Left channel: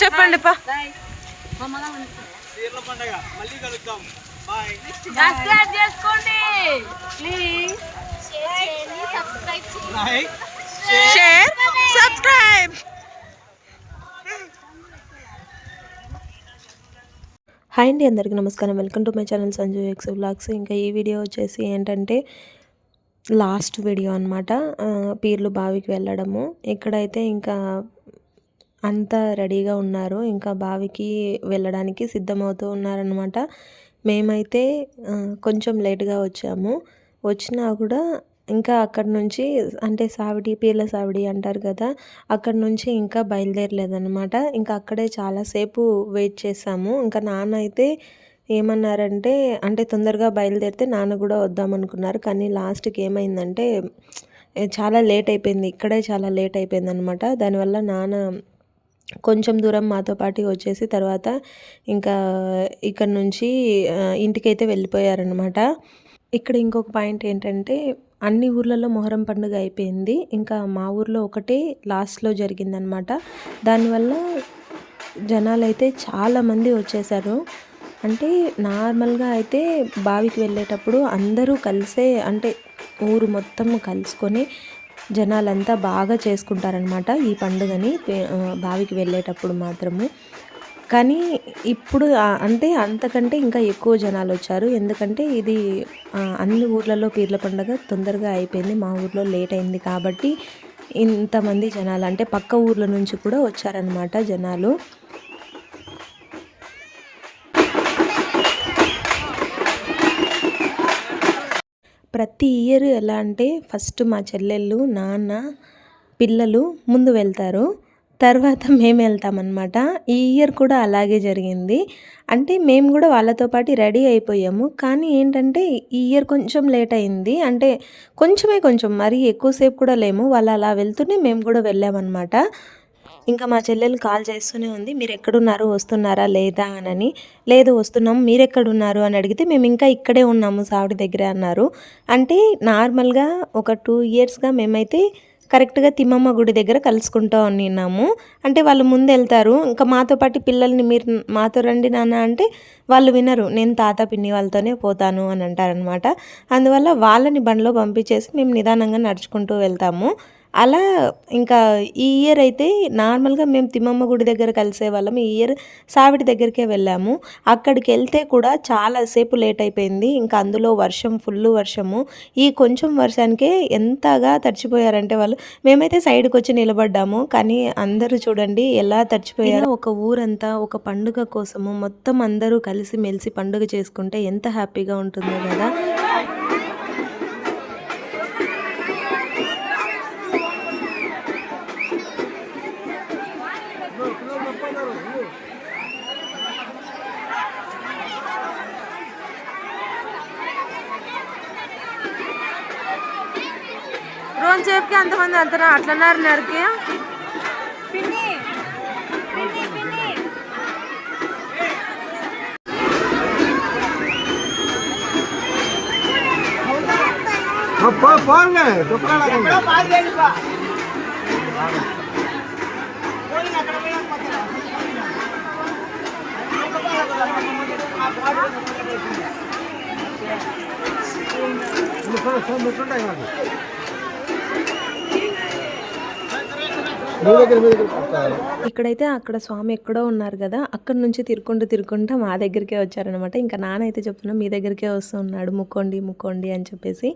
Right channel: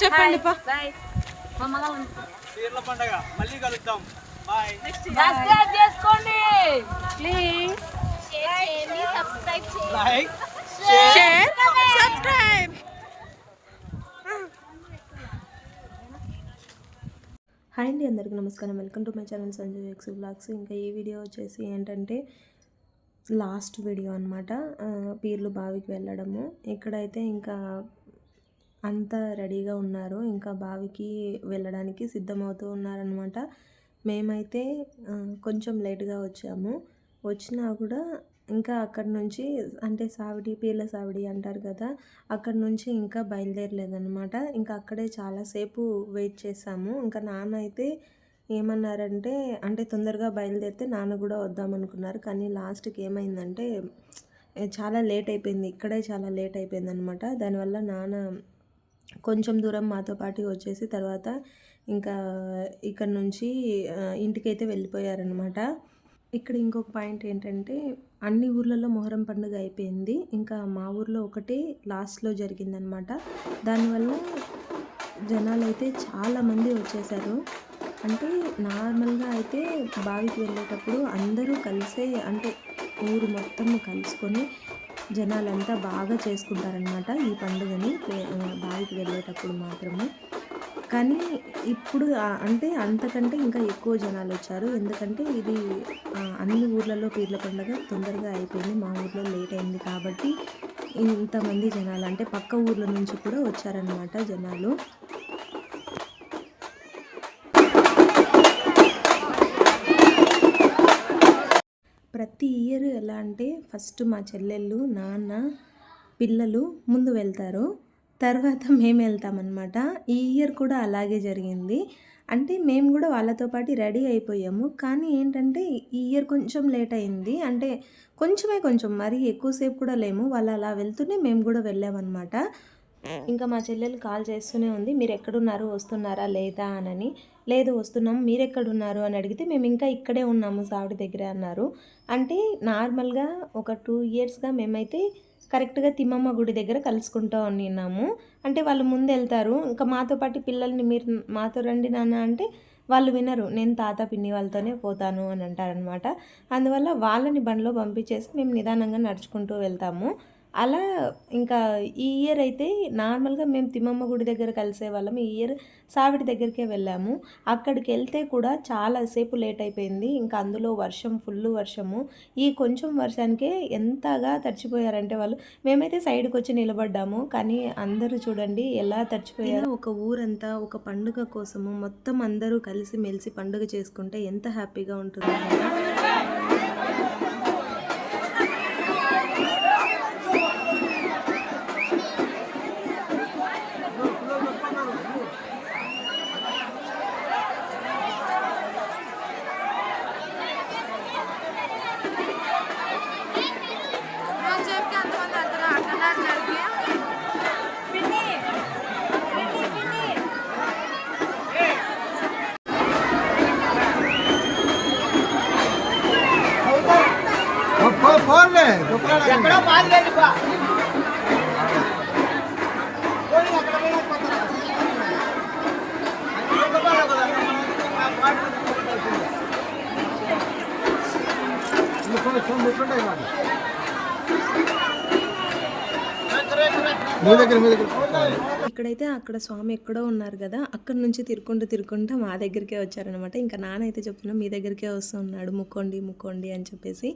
చెప్పండి పండగ మళ్ళీ కలుద్దాం. బాయ్. సబ్స్క్రైబ్ చేసుకోండి. Please like share subscribe hi అండి అందరికీ నమస్కారం. Welcome to my channel Sanju X vlogs ఇంకా ఈ వీడియో వచ్చేసి ఏంటంటే లాస్ట్ వీడియో అనమాట పీర్లు బావికి వెళ్ళడము. ఇక్కడైతే ఇంకా అంతా రెడీగా ఉన్నారు ఇంకా బావికి వెళ్ళడానికి సిద్ధమవుతూ ఉన్నారనమాట మేమైతే కొంచెం లేట్గా వచ్చాము. వచ్చినా కూడా ఇంకా అక్కడి నుంచి అంటే సావిడి పీర్ల సావిడి అంటారు కదా అక్కడి నుంచి ఇంకా బయలుదేరలేదనమాట ఇంకా అక్కడే చాలాసేపు వెయిట్ చేసాము. ఇంకా నాన్న అయితే ఏమన్నారంటే అంటే తొందరగా బయలుదేరితే నాన్న కూడా వద్దామనుకున్నారు కానీ లాస్ట్కి ఏమైందంటే చాలా లేట్ అయిపోయింది. ఇక్కడే చాలా లేట్ అయిపోయింది అనమాట దానివల్ల నాన్న కొంచెం దూరం మాతో పాటు వచ్చేసి తర్వాత ఇంకా ఇక్కడ నుంచి ఇంటికైతే వెళ్ళిపోయారనమాట ఇక్కడ ఇంకొక పాయింట్ ఏంటంటే అన్ని ఊర్లలో మొహరం పండుగ అయిపోయింది. ఇంకా మా ఊర్లో ఒకటే లాస్ట్లో జరిగిందనమాట దానివల్ల జనాలు అయితే చాలామంది వచ్చేసారు. అంటే నార్మల్గా అయితే బావికి వెళ్ళేటప్పుడు అందరూ కలిసే అంటే ఊరు మొత్తం కలుసుకొని జనాలంతా బాగా చేసుకుంటారనమాట ఈ పండుగని బావికి వెళ్ళేటప్పుడు మాత్రము. కానీ ఇప్పుడు అంటే అంతకంటే ఇంకా ఎక్కువ జనాలు వచ్చారు. ఎందుకంటే ఇది అన్ని ఊర్లలో పీర్ల పండుగ తొందరగా అయిపోయింది. మా ఊర్లో లేట్ అయింది కాబట్టి ఇంతమంది జనాలు అంటే పక్క ఊర్ల నుంచి కూడా వచ్చారనమాట జనాలు. ప్రతి ఇయర్ ఎలా అంటే ఫస్ట్ మా చెల్లెళ్ళు నాన్న పిల్లలు ముందు వెళ్తారు. తర్వాత మేము వెళ్తామన్నమాట. ఈ ఇయర్ కూడా అలాగే జరిగింది. అంటే మేము కూడా వాళ్ళతో పాటు రెడీ అయిపోయాము. కానీ ఏంటంటే ఈ ఇయర్ కొంచెం లేట్ అయింది. అంటే కొంచెమే కొంచెం మరీ ఎక్కువసేపు కూడా లేము. వాళ్ళు అలా వెళ్తూనే మేము కూడా వెళ్ళామన్నమాట. ఇంకా మా చెల్లెలు కాల్ చేస్తూనే ఉంది. మీరు ఎక్కడున్నారు? వస్తున్నారా? లేదా? అనని. లేదు వస్తున్నాం. మీరు ఎక్కడున్నారు? అని అడిగితే మేము ఇంకా ఇక్కడే ఉన్నాము సావిడి దగ్గరే అన్నారు. అంటే నార్మల్గా ఒక టూ ఇయర్స్గా మేమైతే కరెక్ట్గా తిమ్మమ్మ గుడి దగ్గర కలుసుకుంటూ ఉన్నాము అంటే వాళ్ళు ముందు వెళ్తారు ఇంకా మాతో పాటు పిల్లల్ని మీరు మాతో రండి నాన్న అంటే వాళ్ళు వినరు. నేను తాత పిన్ని వాళ్ళతోనే పోతాను అని అంటారనమాట అందువల్ల వాళ్ళని బండిలో పంపించేసి మేము నిదానంగా నడుచుకుంటూ వెళ్తాము. అలా ఇంకా ఈ ఇయర్ అయితే నార్మల్గా మేము తిమ్మమ్మ గుడి దగ్గర కలిసే వాళ్ళం. ఈ ఇయర్ సావిడి దగ్గరికే వెళ్ళాము. అక్కడికి వెళ్తే కూడా చాలాసేపు లేట్ అయిపోయింది. ఇంకా అందులో వర్షం ఫుల్ వర్షము. ఈ కొంచెం వర్షానికే ఎంతగా తడిచిపోయారంటే వాళ్ళు మేమైతే సైడ్కి వచ్చి నిలబడ్డాము. కానీ అందరూ చూడండి ఎలా తడిచిపోయారు. ఒక ఊరంతా ఒక పండుగ కోసము మొత్తం అందరూ కలిసి మెలిసి పండుగ చేసుకుంటే ఎంత హ్యాపీగా ఉంటుందో కదా. వెళ్తారా అట్లన్నారు నరికి పోన్లే ఎక్కడో బాగా వెళ్ళిపో ఇక్కడైతే అక్కడ స్వామి ఎక్కడో ఉన్నారు కదా అక్కడ నుంచి తిరుక్కుంటూ తిరుక్కుంటూ మా దగ్గరికే వచ్చారనమాట ఇంకా నాన్న అయితే మీ దగ్గరికే వస్తున్నాడు ముక్కోండి ముక్కోండి అని చెప్పేసి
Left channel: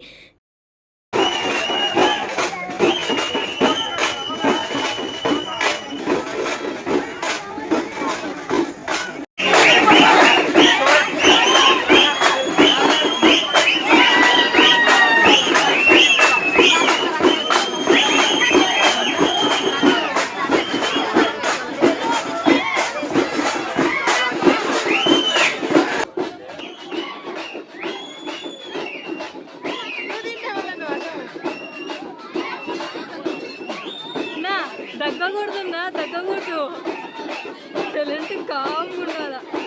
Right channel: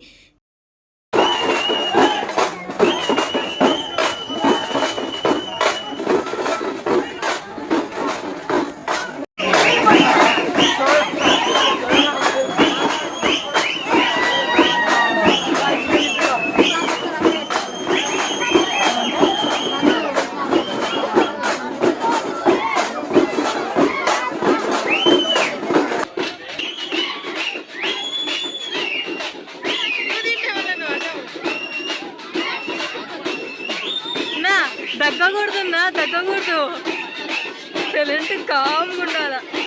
సైలెంట్ కామ్గా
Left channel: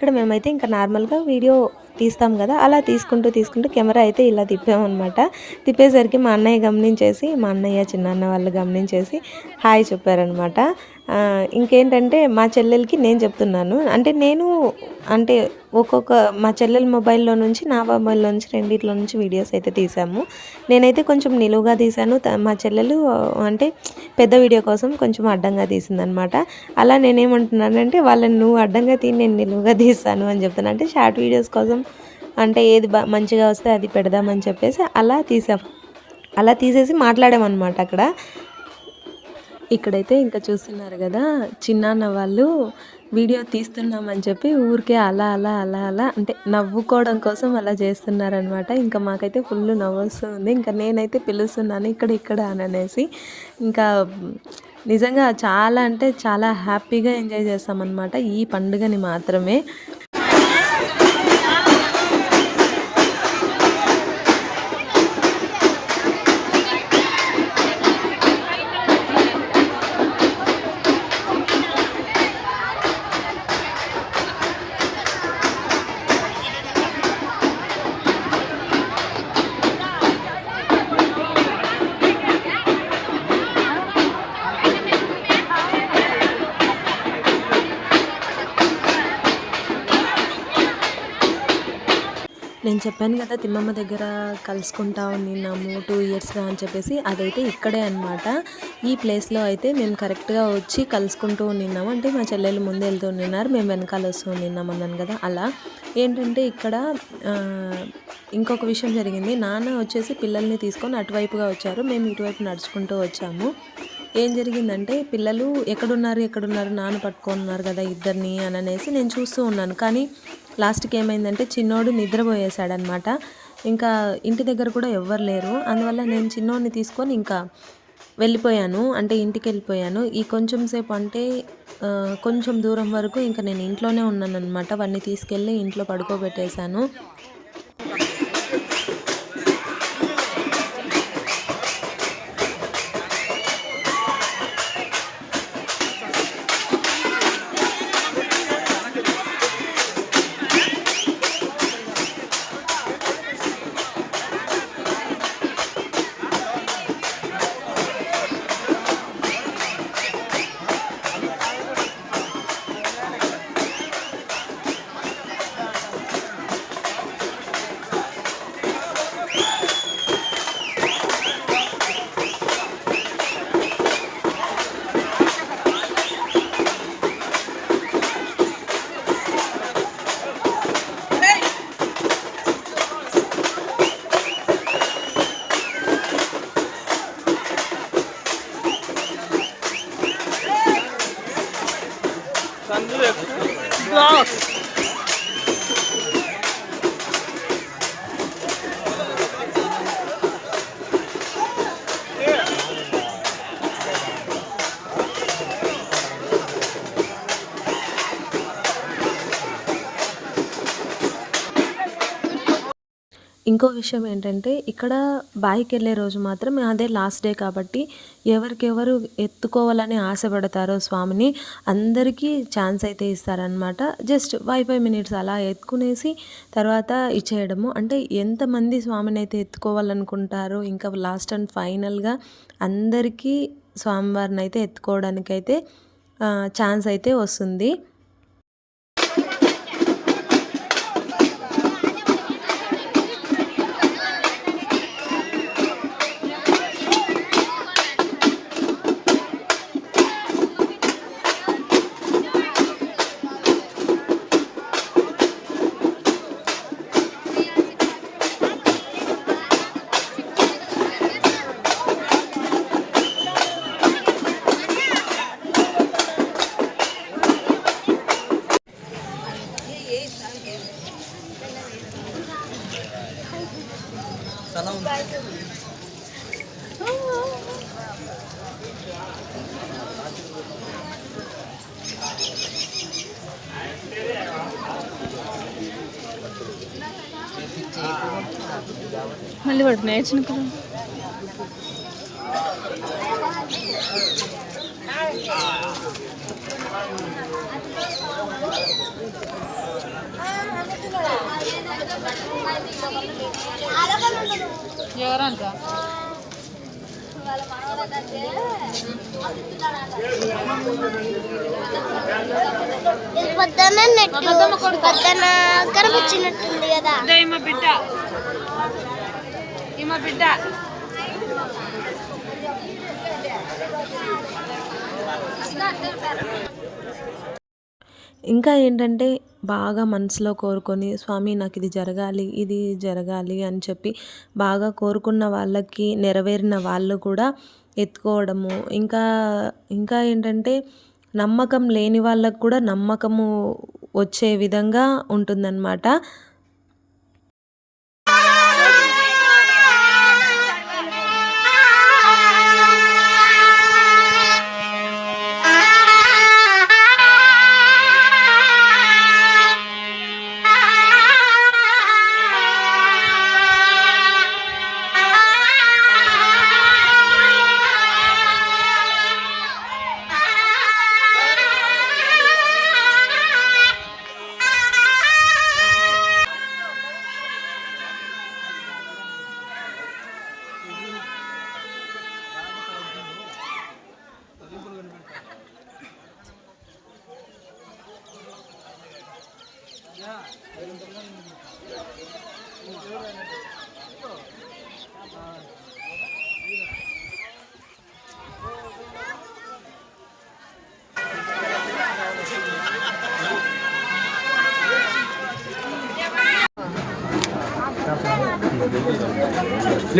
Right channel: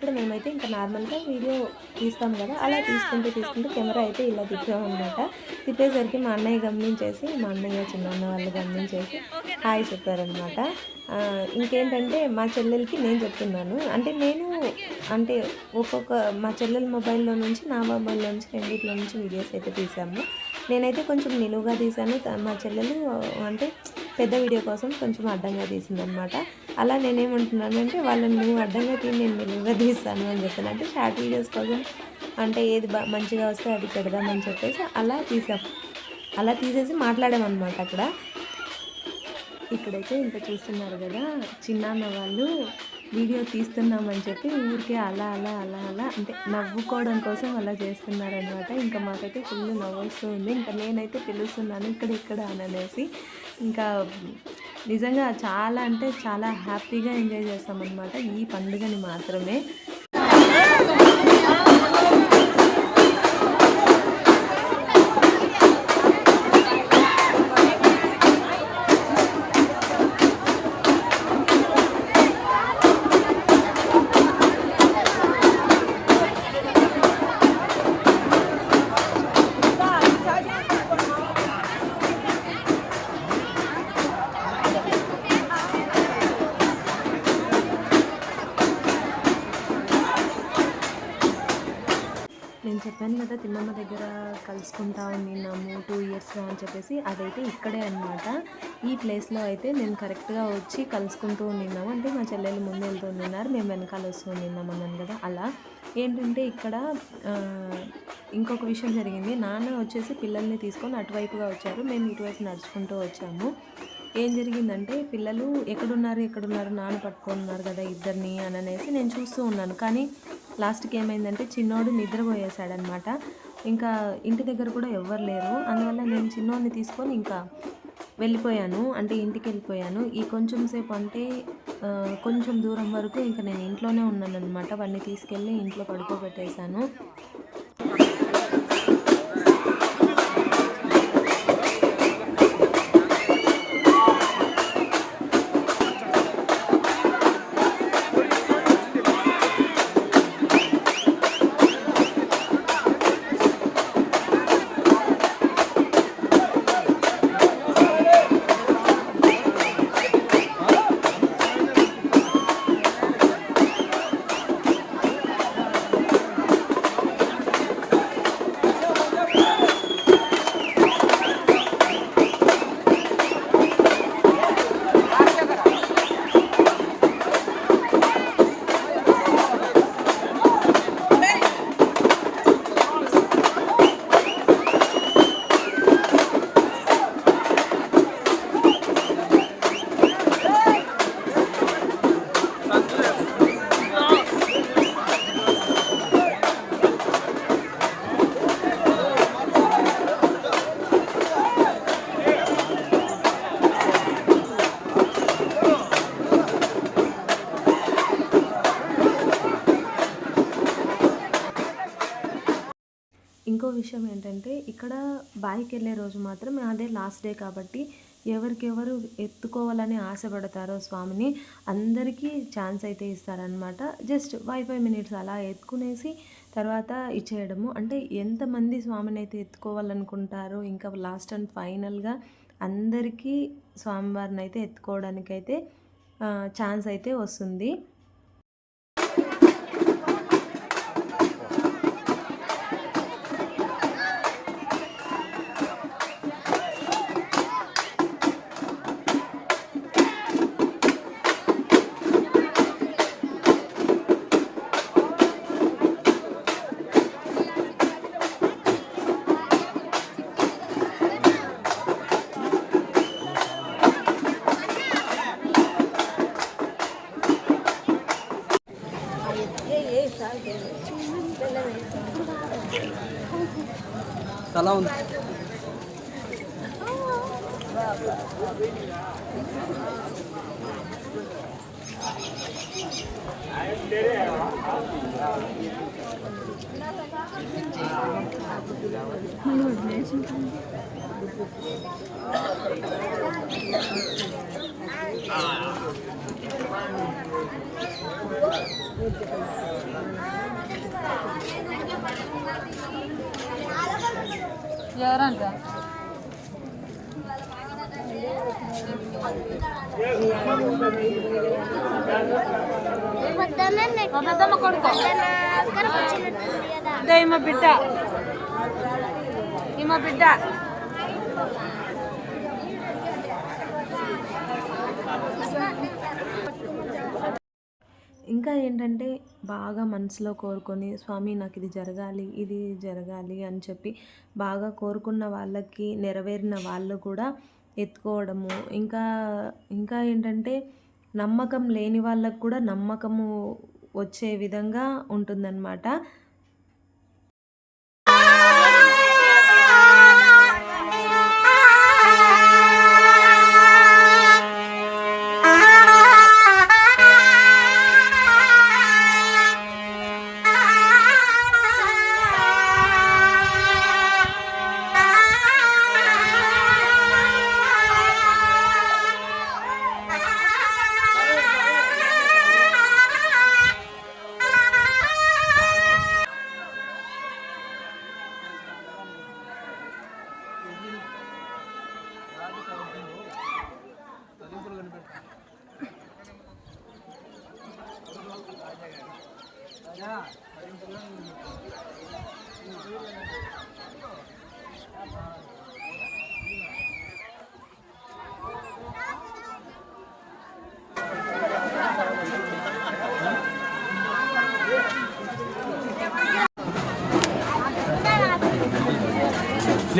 ఇక్కడ మేమైతే ఇంకా నార్మల్గా వీడియో తీస్తాం కదా అలా తీసుకుంటూ తీసుకుంటూ కెమెరా అయితే ఇలా తిప్పామన్నమాట తిప్పేసరికి మా అన్నయ్య గమనించేసి మా అన్నయ్య చిన్నన్న వాళ్ళు గమనించేసి హాయ్ చెప్పారనమాట ఇంకేంటంటే మా చెల్లెలకి నేను చెప్తున్నాను. అంటే నేను అంటే ఒక్కొక్క మా చెల్లెల మొబైల్లో నుంచి నా మొబైల్లో నుంచి రెండిట్లో నుంచి వీడియోస్ అయితే తీసాము. నేనైతే కొంచెం నిలువుగా తీసాను మా చెల్లెలు అంటే పెద్ద వీడియో కోసం కొంచెం అడ్డంగా తీసిందనమాట. అలా నేనేమంటున్నానంటే వాళ్ళని నువ్వు అడ్డంగా తీ నేను నిలువుగా తీస్తాను అని చెప్తాను. అంటే షార్ట్ వీడియోస్ కోసం అంటే ఏది మంచిగా వస్తే అది పెడదామని చెప్పేసి అలా తీసాం అలా తీసేసి మాట్లాడామన్నమాట అక్కడ. ఇక్కడైతే ఇంకా చూస్తున్నారు కదా చిన్నాన్న వాళ్ళు వీడియో తీస్తున్నామని చెప్పి ఊరికే అలా అలా అలా అలా అంటే నవ్వుకోవడం కోసం అలా చేస్తున్నారనమాట. ఇంకా మాకైతే ఫుల్ నవ్వుస్తుంది ఇంకా నేనైతే పిలుస్తున్నాను ఇక్కడ ఇక్కడ అని అనేసి. ఇంకా నిజంగా చాలా అంటే చాలా హ్యాపీగా ఎంజాయ్ చేస్తామన్నమాట ఈ పండుగని మాత్రమే. నేను చెప్పాను కదా తిమ్మమ్మ దగ్గర కలుసుకుంటా ఉన్నాము టూ ఇయర్స్గా అని చెప్పేసి అదైతే ఇక్కడే అనమాట ఈ ప్లేస్లో అయితే మేము కరెక్ట్గా వచ్చి కలుసుకుంటూ ఉన్నాము అంటే మా చెల్లెలు ముందు వెళ్తూ ఉన్నారు మేము వెనకాల వస్తూ ఉన్నాం అన్నాను కదా అలా. ఏంటంటే ఇక్కడ ఇంకొక విషయం జరిగింది. నాన్న వచ్చేసి పిల్లల్ని తీసుకొని అటువైపుగా వచ్చారు. మేము ఇటువైపు నడుచుకుంటూ వచ్చాము. ఏం జరిగిందంటే పిల్లలు ఎక్కడున్నారు ఎక్కడున్నారు నాన్న పట్టుకున్నారు కదా ఇద్దరిని అని అనేసి నేను చూస్తూ ఉన్నాను. కానీ లాస్ట్కి ఏమైందంటే చిన్నోడు నిద్రపోయేశాడనమాట. ఇంకా ఇంటి దగ్గర కూడా ఎవ్వరు లేరు. అందువల్ల నేను చిన్నోడిని తీసుకొని ఇంకా వెళ్ళిపోయాను. అంటే ఇంటికి వెళ్ళిపోయాను. ఈ కొంచెం సేపు అంటే కొంచెం దూరం వరకు ఇంకా నేను ఇంట్లోనే ఉన్నాను అనమాట వాడిని తీసుకెళ్ళి ఇంట్లో పడుకోబెట్టేశాను. విషయం ఏంటంటే ఇక్కడ బాయికి వెళ్ళే రోజు మాత్రం అదే లాస్ట్ డే కాబట్టి ఎవరికెవరు ఎత్తుకోవాలని ఆశపడతారో స్వామిని అందరికీ ఛాన్స్ అయితే ఇస్తారనమాట జస్ట్ ఫైవ్ ఫైవ్ మినిట్స్ అలా ఎత్తుకునేసి తర్వాత ఇచ్చేయడము. అంటే ఎంతమంది స్వామిని అయితే ఎత్తుకోవాలనుకుంటారో ఇంకా లాస్ట్ అండ్ ఫైనల్గా అందరికీ స్వామివారిని అయితే ఎత్తుకోవడానికైతే ఛాన్స్ అయితే వస్తుంది. మళ్ళీ పడుతున్నాయి చిన్నప్పుడు ఎవరంట? అబద్ధమ్మ కొడుకు. వచ్చినట్టుంది కదా. ఇదే ఈమె బిడ్డ. ఈమె బిడ్డ. ఇంకా ఏంటంటే బాగా మనసులో కోరుకొని స్వామి నాకు ఇది జరగాలి ఇది జరగాలి అని చెప్పి బాగా కోరుకున్న వాళ్ళకి నెరవేరిన వాళ్ళు కూడా ఎత్తుకోవడము. ఇంకా ఇంకా ఏంటంటే నమ్మకం లేని వాళ్ళకు కూడా నమ్మకము వచ్చే విధంగా ఉంటుందన్నమాట.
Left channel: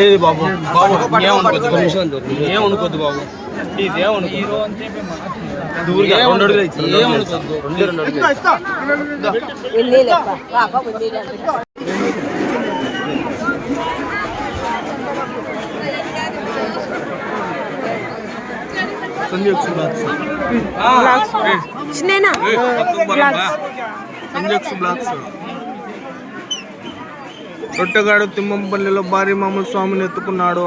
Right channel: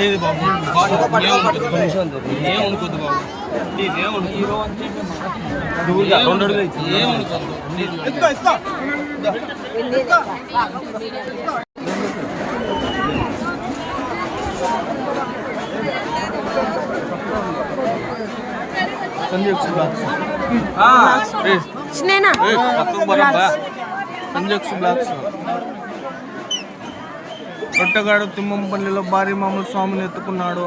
లేదు బాబు ఏమనుకోద్దు బాబు హీరో అని చెప్పి దూరుగా రెండు అడుగులు సంజయ్ బ్లాక్స్ సంజయ్ బ్లాక్స్ రొట్టెగాడు తిమ్మంపల్లిలో భారీ మామూలు స్వామిని ఎత్తుకున్నాడు.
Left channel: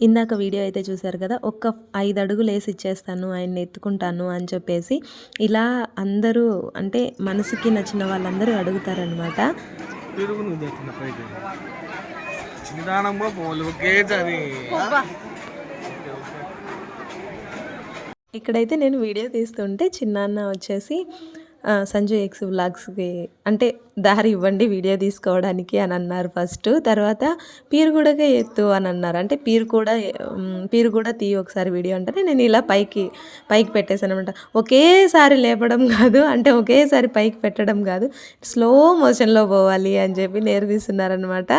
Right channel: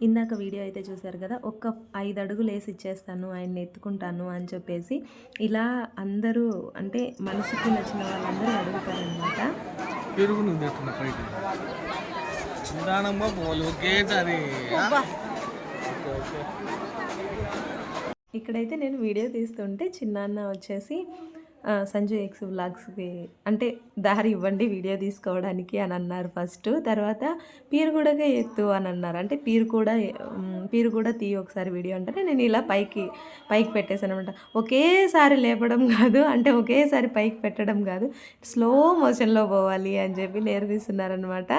ఇందాక వీడియో అయితే చూశారు కదా ఒక్క ఐదు అడుగులు వేసి ఇచ్చేస్తాను ఆయన్ని ఎత్తుకుంటాను అని చెప్పేసి ఇలా అందరూ అంటే మనసుకి నచ్చిన వాళ్ళందరూ అడుగుతారనమాట నిదానంగా పోవాలి. ఇక్కడైతే నేను వీడియో తీస్తుంటే చిన్నాన్న వచ్చేసి ఆ, సంజు ఎక్స్ వ్లాగ్స్కి అంటే దారి ఇవ్వండి వీడియో తీసుకోవడానికి అని అన్నారు ఫస్ట్. తర్వాత పీరు కూడా ఎత్తు అని అన్నారు. అంటే పీరు కూడా పీరు కూడా తీ ఒకసారి వీడియో అంటే నేను ఇలా పైకి పైకి పెట్టేశాను అనమాట ఒకేసారి లేపడం కాదు అంటే ఒకేసారి పైకి పెట్టడం కాదు స్లో మోషన్లో పోవాలి అని చెప్పి నేర్పిస్తున్నారనమాట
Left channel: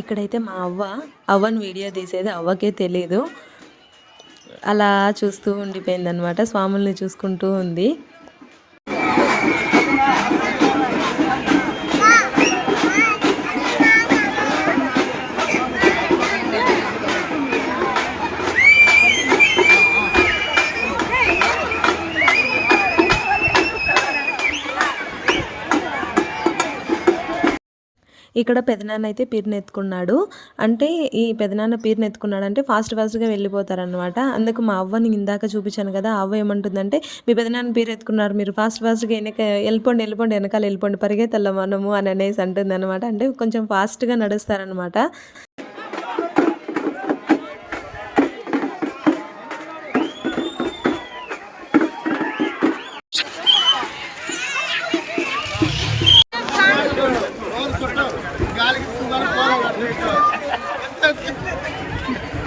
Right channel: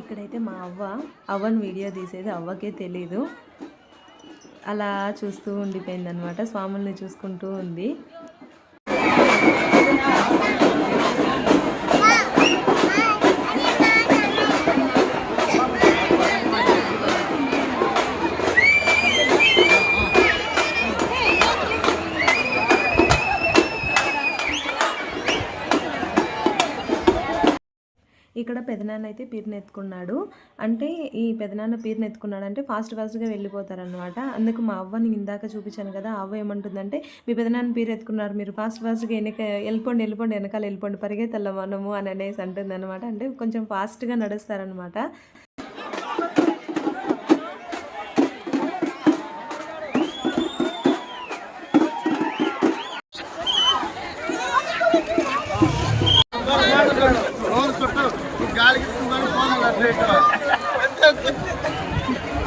ఇక్కడైతే మా అవ్వ అవ్వని వీడియో తీసేది అవ్వకే తెలీదు. అలా చూస్తూ ఉండిపోయిందనమాట స్వాముల్ని చూసుకుంటూ ఉంది. ఇక్కడ పెదనాన్న అయితే పీరునెత్తుకున్నాడు. అంటే ఈ పెదనాన్న పీరునెత్తుకున్నాడు అంటే ఫాస్ట్ ఫాస్ట్గా వెళ్ళిపోతారనమాట అందుకు మా అవ్వని ఇందాక చూపించాను కదా అవ్వ ఏమంటుందంటే మీ పెదనాన్న పీరెత్తుకున్నారు మీరు ఫాస్ట్ ఫాస్ట్గా వెనక వెళ్ళిపోండి వెళ్ళిపోండి వెనకాల వెళ్ళిపోండి పరిగెత్తల్ల మనము అని అనేసి అంటుంది అనమాట అంటే కొంచెం ఫాస్ట్గా నడుస్తారనమాట 왔지.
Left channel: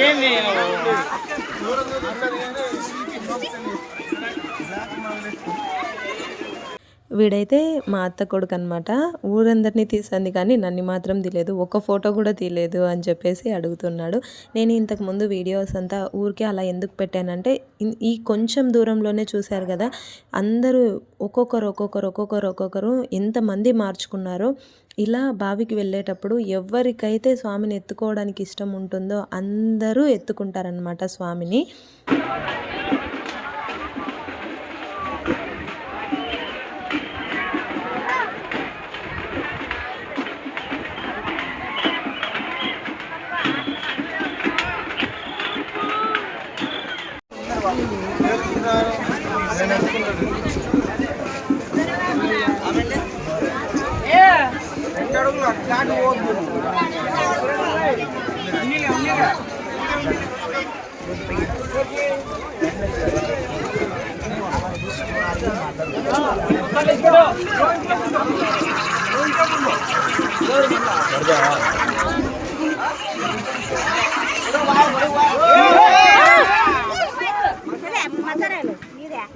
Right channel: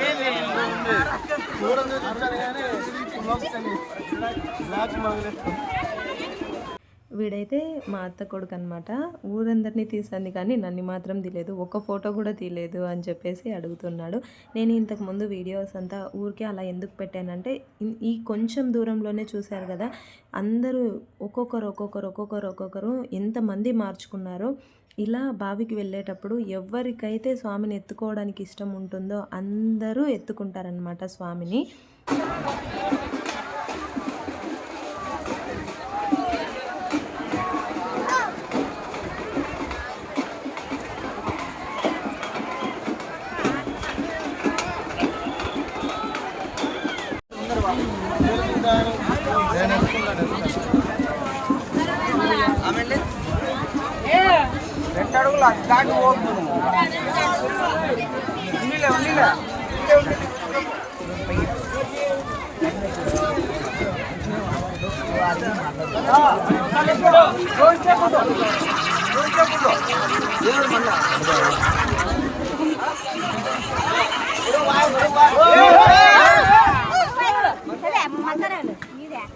ఏమి దూరం చూడాలి కానీ జాతి మళ్ళీ వీడైతే మా అత్త కొడుకు అనమాట ఊరందరినీ తీసింది కానీ నన్ను మాత్రం తీయలేదు ఒక ఫోటో కూడా తీయలేదు అని చెప్పేసి అడుగుతున్నాడు. నేను ఇంతకు ముందు వీడియోస్ అంతా ఊరికే అలా ఎందుకు పెట్టానంటే ఈ కొంచెం దూరంలోనే చూశారు కదా అందరూ ఒక్కొక్కరు ఒక్కొక్కరు ఒక్కొక్కరు ఒక్కొక్కరు ఎంతమంది మార్చుకున్నారో ఇలా బావికి వెళ్ళేటప్పుడు ఎవరికైతే స్వామిని ఎత్తుకోవడానికి ఇష్టం ఉంటుందో అందరూ ఎత్తుకుంటారనమాట స్వామిని.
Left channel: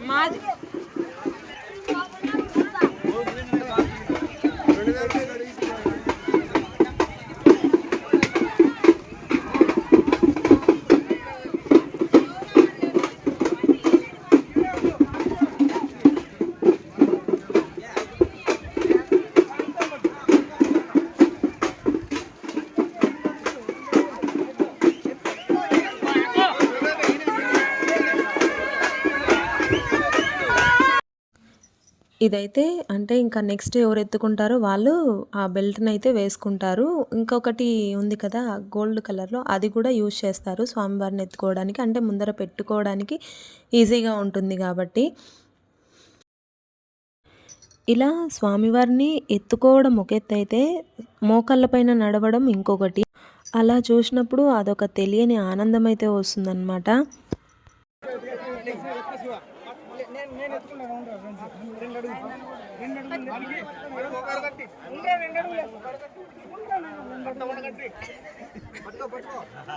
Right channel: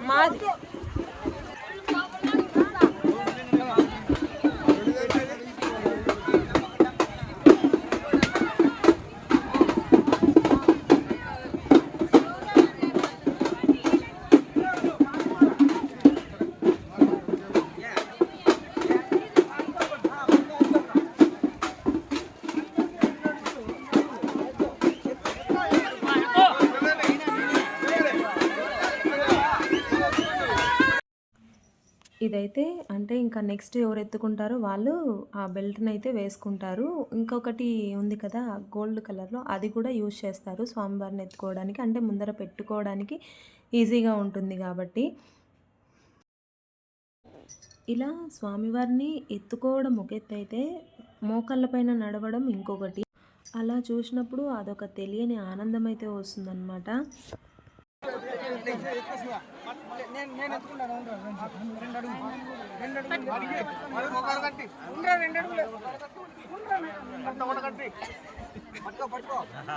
మాది ఇదైతే అంటే ఇంకా నెక్స్ట్ ఎవరు ఎత్తుకుంటారో వాళ్ళు ఆ బెల్ట్ని అయితే వేసుకుంటారు. ఇంకొకటి ఉంది కదా గోల్డ్ కలర్లో అది కూడా యూజ్ చేస్తారు స్వామివారిని ఎత్తుకోవడానికి. అంటే ముందర పెట్టుకోవడానికి ఈజీగా ఉంటుంది కాబట్టి. ఇలా స్వామివారిని ఎత్తుకోవడం ఒక ఎత్తు అయితే మోకాళ్ళ పైన నడవడం ఇంకొకటి. అలా చూసినప్పుడు అదొక తెలియని ఆనందం అయితే వస్తుందన్నమాట.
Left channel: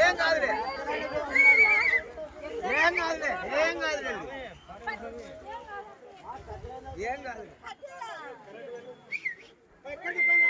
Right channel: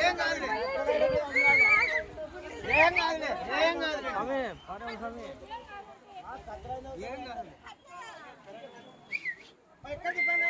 ఏం కాదులే ఏం కాదులే ఏం కాదులే ఏం కాదులే ఎక్కడికి పని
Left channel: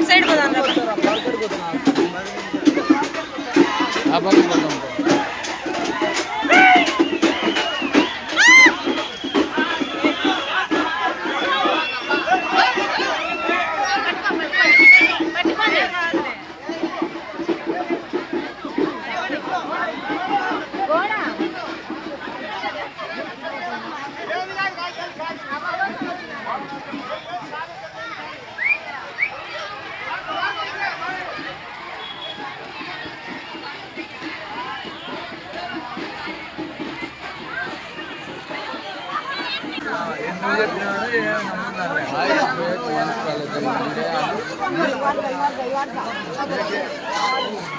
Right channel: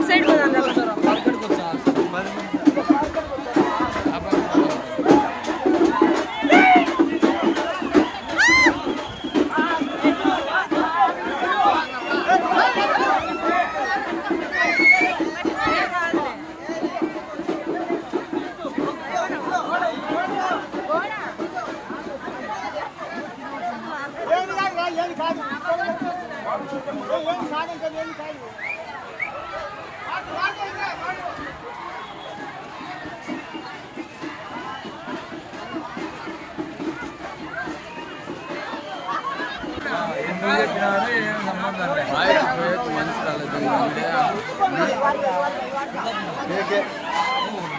అటు సైడ్ పోదాం 别介。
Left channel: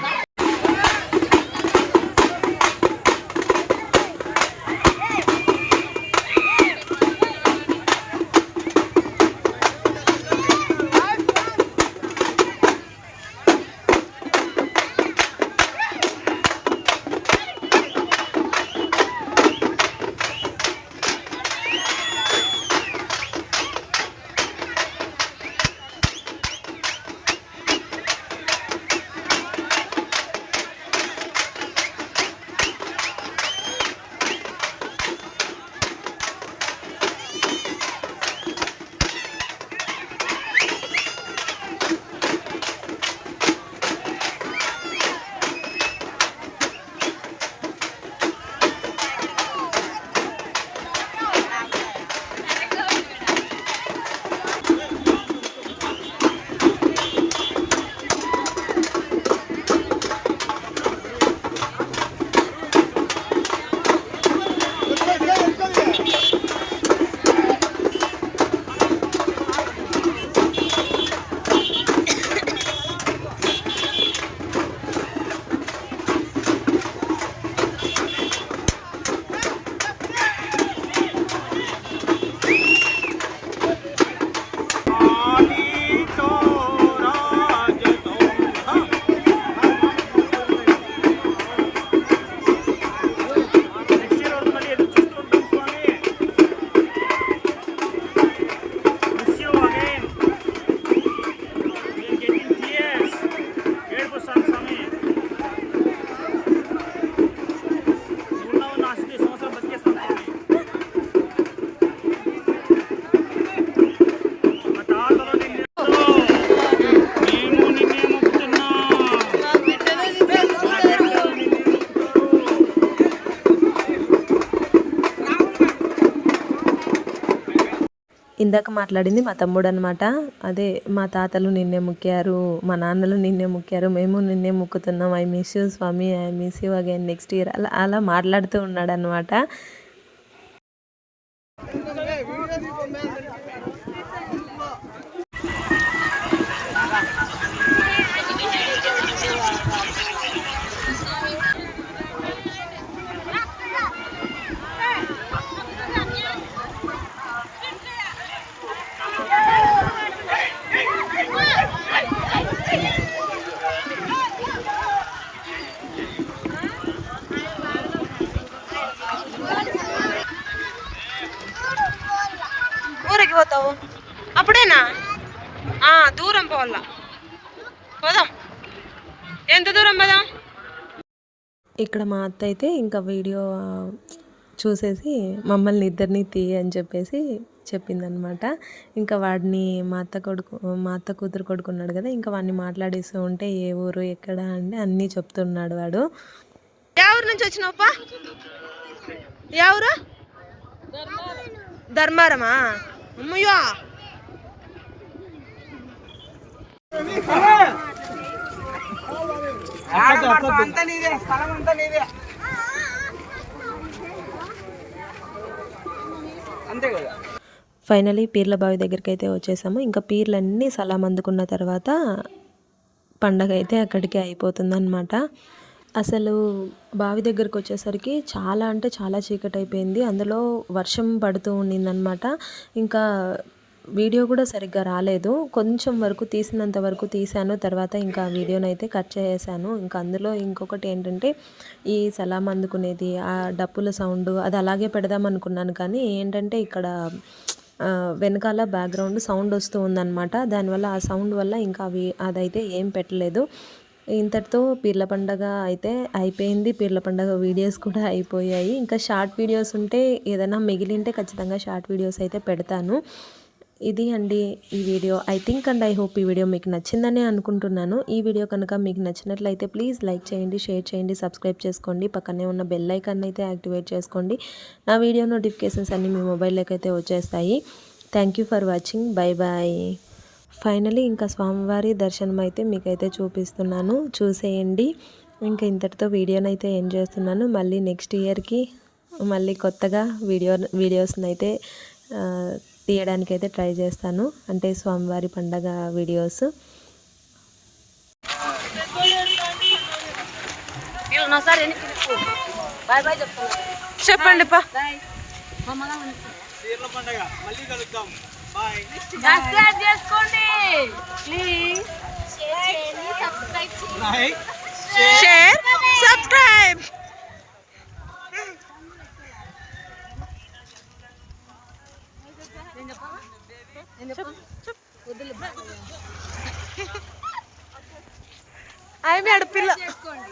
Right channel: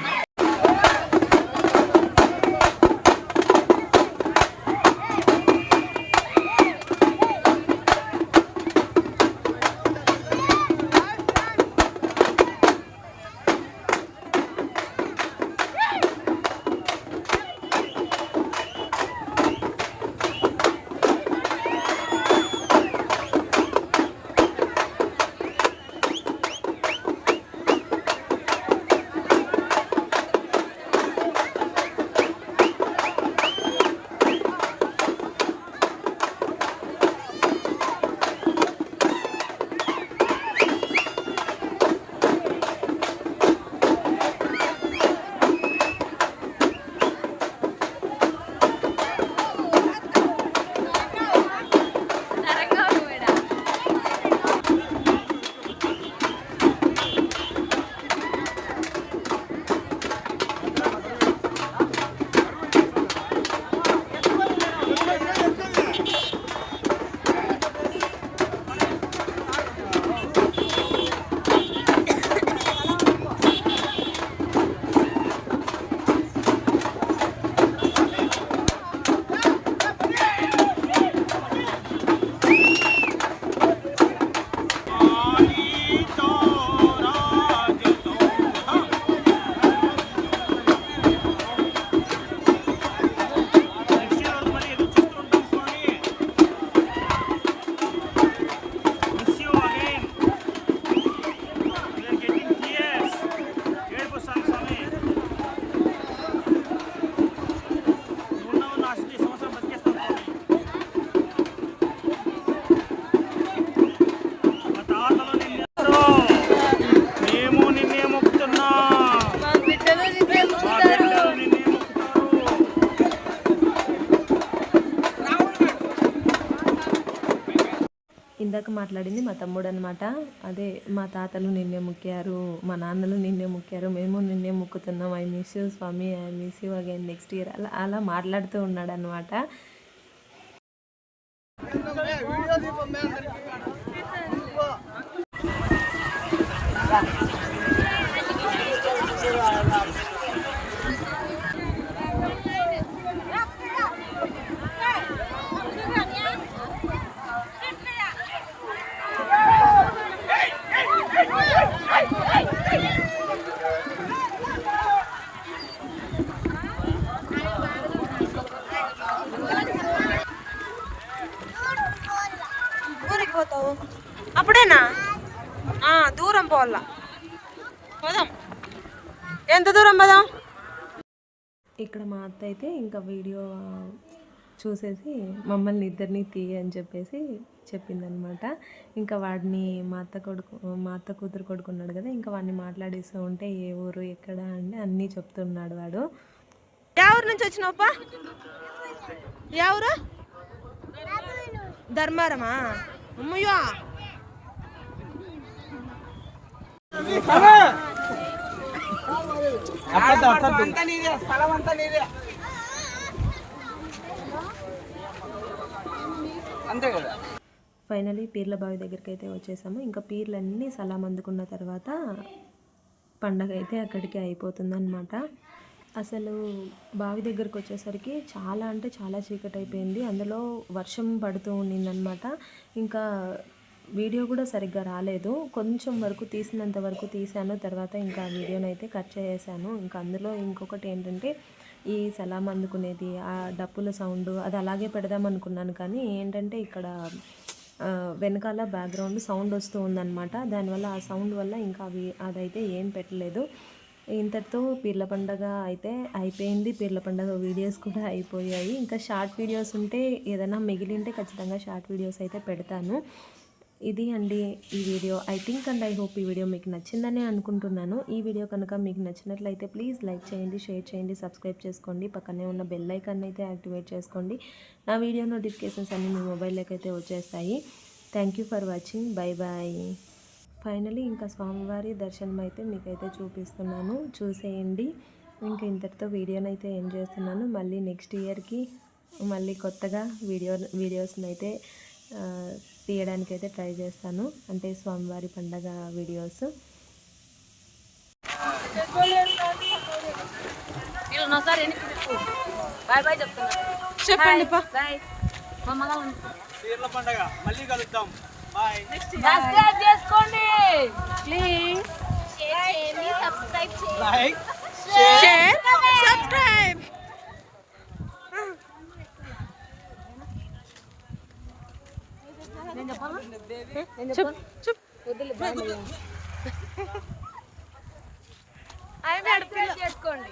ఇందాక మాట్లాడింది మా తమ్ముడు అనమాట అదే మా తాతలు నిన్నే ముక్కారు మా నాన్నలు నిన్నే ముక్కారు మేము నిన్నే ముక్కుతున్నాం. I miss you Swamy I miss you again next year అలా అలా మాట్లాడుతూ ఉన్నాడు అనమాట ఇక్కడ మా అత్త అయితే ఇంకా వీడియో చూసేసి మమ్మల్ని ఇద్దరిని తీ అని చెప్పేసి చెప్పిందనమాట. ఇంకా వాడిని మా అత్త కొడుకు మా అత్త కూతురు కొడుకున్నాడు కదా ఇంకా వాడిని మాట్లాడిస్తూ ఉంటే ఏ ఊరు ఎక్కడ అంటే అన్నీ చెప్తున్నాడు వాడు. ఏ ఊరు నుంచి వచ్చినావుపా ఏ ఊరు? ధర్మారమా? అమ్మయ్యో! అంతా నీదే స్థలం అంతా నీదే. అంతే కదా? ఫైనలీ పీర్ల బావి దగ్గరికి అయితే వచ్చేసాము. ఇంకా పీర్లన్నీ సలాం అందుకున్న తర్వాత పండగ అయితే అక్కడికి అయిపోతుందన్నమాట. అసలు బావి దగ్గరకు వచ్చేసరికి చాలా అంటే చాలా చీకటి అయిపోయింది అందులో వర్షం పడుతూ ఉండిందనమాట ఇంకా వీడియో కూడా సరిగ్గా రాలేదు. కొంచెం వరకు తీసినంత వరకు తీశాను. తర్వాత ఇంకా వీడియోని అయితే కట్ చేసేసాను. ఇంకా అందులో ఇంకొకటి ఏంటంటే ఈ సలాం అందుకునేది ఆ డప్పుల సౌండ్ అది అలాగే పెడదాం అనుకున్నాను. కానీ ఏంటంటే ఇక్కడ వెనకాల బ్యాక్గ్రౌండ్ సౌండ్ వస్తూ ఉందన్నమాట. దానివల్ల ఆ సౌండ్ వల్ల ఇంకా అవి అదైతే ఏం పెట్టలేదు. ఇంతటితో పీర్ల పండగ అయితే అయిపోయింది. పీర్ల పండగ వీడియోస్ కూడా అయిపోయాయి. ఇంకా షార్ట్ వీడియోస్ ఉంటే ఏదైనా మిగిలింటే ఖచ్చితంగా షార్ట్ వీడియోస్ అయితే పెడతాను. ఇది అండి ఈ video. I think and I hope ఈ వీడియో మీకు నచ్చిందని అనుకుంటున్నాను. ఈ వీడియో కనుక మీకు నచ్చినట్లయితే ప్లీజ్ లైక్ చేయండి షేర్ చేయండి సబ్స్క్రైబ్ చేసుకోండి. పక్కనే ఉన్న బెల్ ఐకాన్ అయితే యాక్టివేట్ చేసుకోండి. నా వీడియో నోటిఫికేషన్స్ అన్నీ మీ మొబైల్లోకి అయితే వచ్చేస్తాయి. Thank you for watching bye bye finally ఇంకా స్వామివారి దర్శనం అయితే మీకైతే చూపిస్తున్నాను. చూసేయండి. ఇంకా ఇంతటితో వీడియోని అయితే ఎండ్ చేస్తున్నాను. మళ్ళీ నెక్స్ట్ ఇయర్కి మళ్ళీ కొత్తగా వీడియో వీడియోస్ని అయితే తీయడానికి అయితే ట్రై చేస్తాను. అంటే స్వామివారి పండగ వీడియోస్. చెప్పండి మళ్ళీ కలుద్దాం. బాయ్ సబ్స్క్రైబ్ చేసుకోండి. ప్లీజ్ సబ్స్క్రైబ్ సబ్స్క్రైబ్ వద్దులే బాయ్ అవి ఆడపిల్ల చేసుకోండి.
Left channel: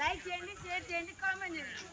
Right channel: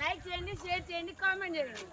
లైక్ చేయండి షేర్ చేయండి కామెంట్ చేయండి.